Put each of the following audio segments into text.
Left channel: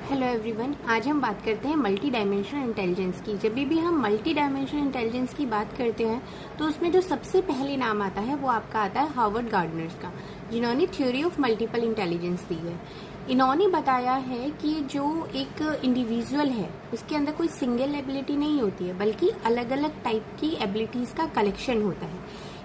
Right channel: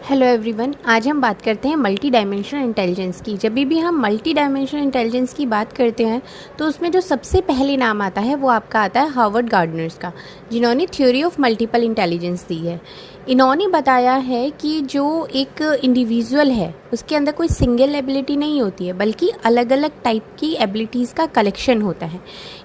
Hello everyone, आज हम बात करते हैं मल्टी डायमेंशनल इंटेलिजेंस की। जब भी हम मल्टी डायमेंशनल इंटेलिजेंस की बात करते हैं तो उसमें जो सबसे पहले नाम आता है वो आपका आता है हार्वर्ड गार्डनर्स का, जिन्होंने थ्योरी ऑफ मल्टीपल इंटेलिजेंस दी है। इन्होंने बताया है कि जो एक इंडिविजुअल है उसके अंदर कोई सिंगल एबिलिटी नहीं होती है, बल्कि अलग अलग टाइप की एबिलिटीज़ का कलेक्शन होता है।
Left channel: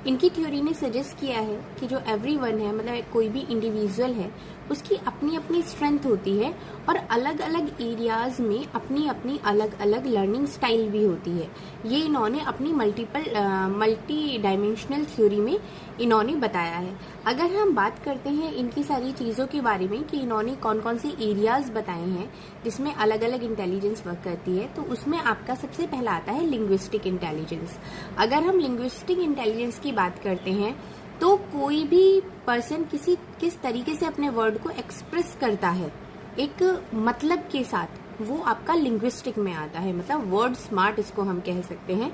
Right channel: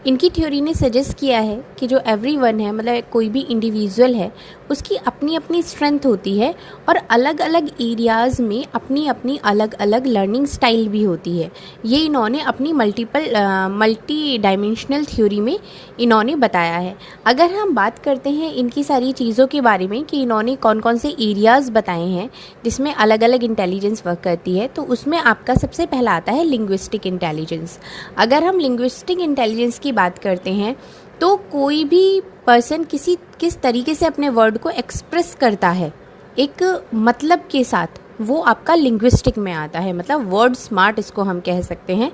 इनकी थ्योरी ने सजेस्ट किया है कि जो एवरीवन है, मतलब कोई भी इंडिविजुअल है, उसकी अपनी अपनी स्ट्रेंथ होती है और अलग अलग एरियाज़ में अपनी अपनी अलग अलग लर्निंग स्टाइल भी होती है। ये इन्होंने अपनी मल्टी डायमेंशनल थ्योरी में इन्होंने बताया है। अगर हम बात करते हैं इनकी सारी चीज़ों के बारे में कि इन्होंने कौन कौन से एरियाज़ बताए हैं जिसमें अलग अलग इंटेलिजेंस वर्क करती है, तो उसमें आपका सबसे पहला आता है लिंग्विस्टिक इंटेलिजेंस। अगर हम लिंग्विस्टिक इंटेलिजेंस की बात करते हैं तो कोई भी पर्सन किस तरीके से अपने वर्ड को एक्सप्रेस करता है एक मतलब के साथ, वो आपका लिंग्विस्टिक में आता है, मतलब वर्ड स्मार्ट इसको हम कह सकते हैं।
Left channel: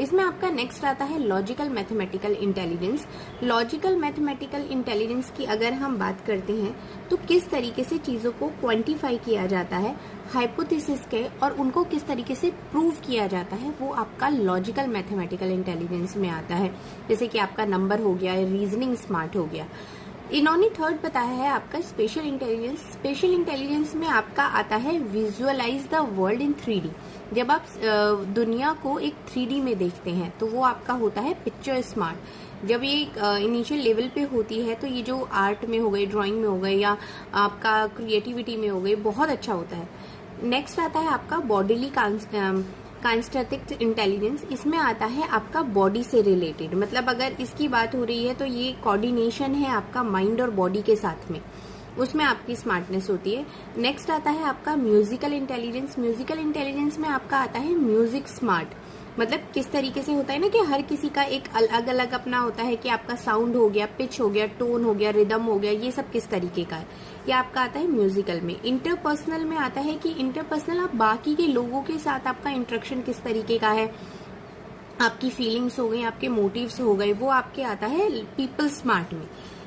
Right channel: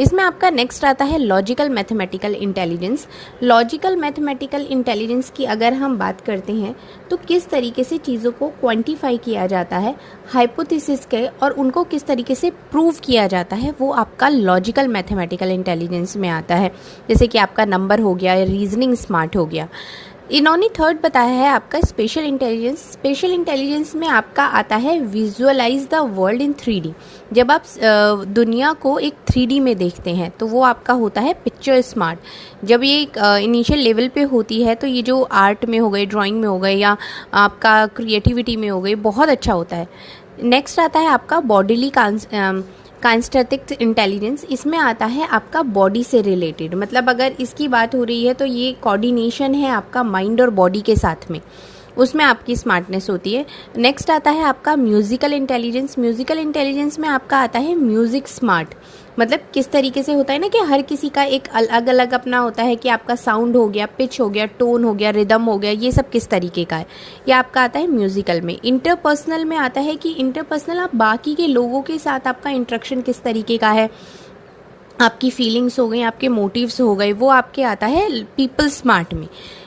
इसमें आपका नेक्स्ट आता है logical mathematical intelligence. Logical mathematical intelligence की अगर हम बात करते हैं तो किस तरीके से चीज़ों को क्वांटिफाई किया जाता है, हाइपोथेसिस के, और उनको किस तरीके से प्रूव किया जाता है, वो आपका लॉजिकल मैथमेटिकल इंटेलिजेंस में आता है। जैसे कि आपका नंबर हो गया या रीजनिंग स्मार्ट हो गया। इन्होंने थर्ड बताया है आपका स्पेशल इंटेलिजेंस। स्पेशल इंटेलिजेंस में आपका आता है visualise the world in 3D। जब आप दुनिया को एक 3D में देखते हैं तो वो आपका होता है पिक्चर स्मार्ट। जब ये इनिशियल लेवल पे होती है तो ये जो आर्ट में हो गए, ड्राइंग में हो गए, या आपका क्रिएटिविटी में हो गई, बहुत अच्छा होता है। नेक्स्ट आता है आपका बॉडीली काइनेस्थेटिक इंटेलिजेंस। इसमें आता है आपका बॉडी से रिलेटेड, मतलब अगर इसकी बात हो रही है तो ये कोऑर्डिनेशन है आपका माइंड और बॉडी के साथ में, उसमें आपकी स्मार्टनेस होती है। नेक्स्ट आता है आपका म्यूजिकल इंटेलिजेंस। म्यूजिकल इंटेलिजेंस में आपका आता है म्यूजिक स्मार्ट। मतलब किस तरीके से होता है ना कि हर किसी का एक अलग अलग अपना होता है कि आपका साउंड हो गया, पिच हो गया, टोन हो गया, रिदम हो गया, ये सब किस तरीके का है, ये आपका आता है म्यूजिकल में। इंटरपर्सनल में आता है कि इंटरपर्सनल आप बाकी के लोगों के साथ आपका इंटरेक्शन किस तरीके का है, आपकी फीलिंग्स हो गई, आपके मोटिव्स हो गए, वो आपके आता है पीपल स्मार्ट में।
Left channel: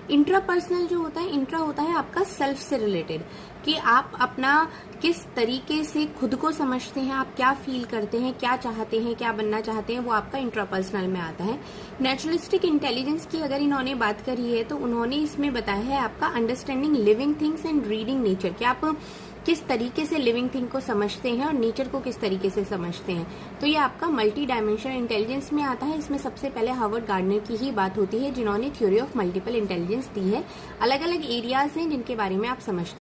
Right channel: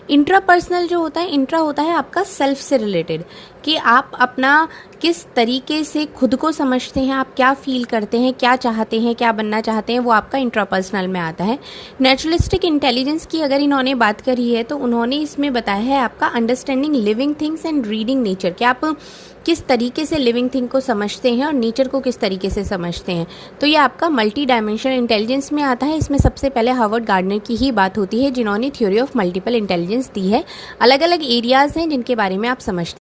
इंट्रापर्सनल जो होता है, इंट्रा होता है आपका सेल्फ से रिलेटेड, कि आप अपना किस तरीके से खुद को समझते हैं, आप क्या फील करते हैं, क्या चाहते हैं, क्या बनना चाहते हैं, वो आपका इंट्रापर्सनल में आता है। नेचुरलिस्टिक इंटेलिजेंस की अगर इन्होंने बात करी है तो उन्होंने इसमें बताया है आपका understanding living things and reading nature, कि आप किस तरीके से लिविंग थिंग को समझते हैं और नेचर को किस तरीके से समझते हैं। तो ये आपका मल्टी डायमेंशनल इंटेलिजेंस में आता है। इसमें सबसे पहले हार्वर्ड गार्डनर की ही बात होती है, जिन्होंने थ्योरी ऑफ मल्टीपल इंटेलिजेंस दी है। अलग अलग एरियाज हैं जिनके बारे में आप समझते हैं।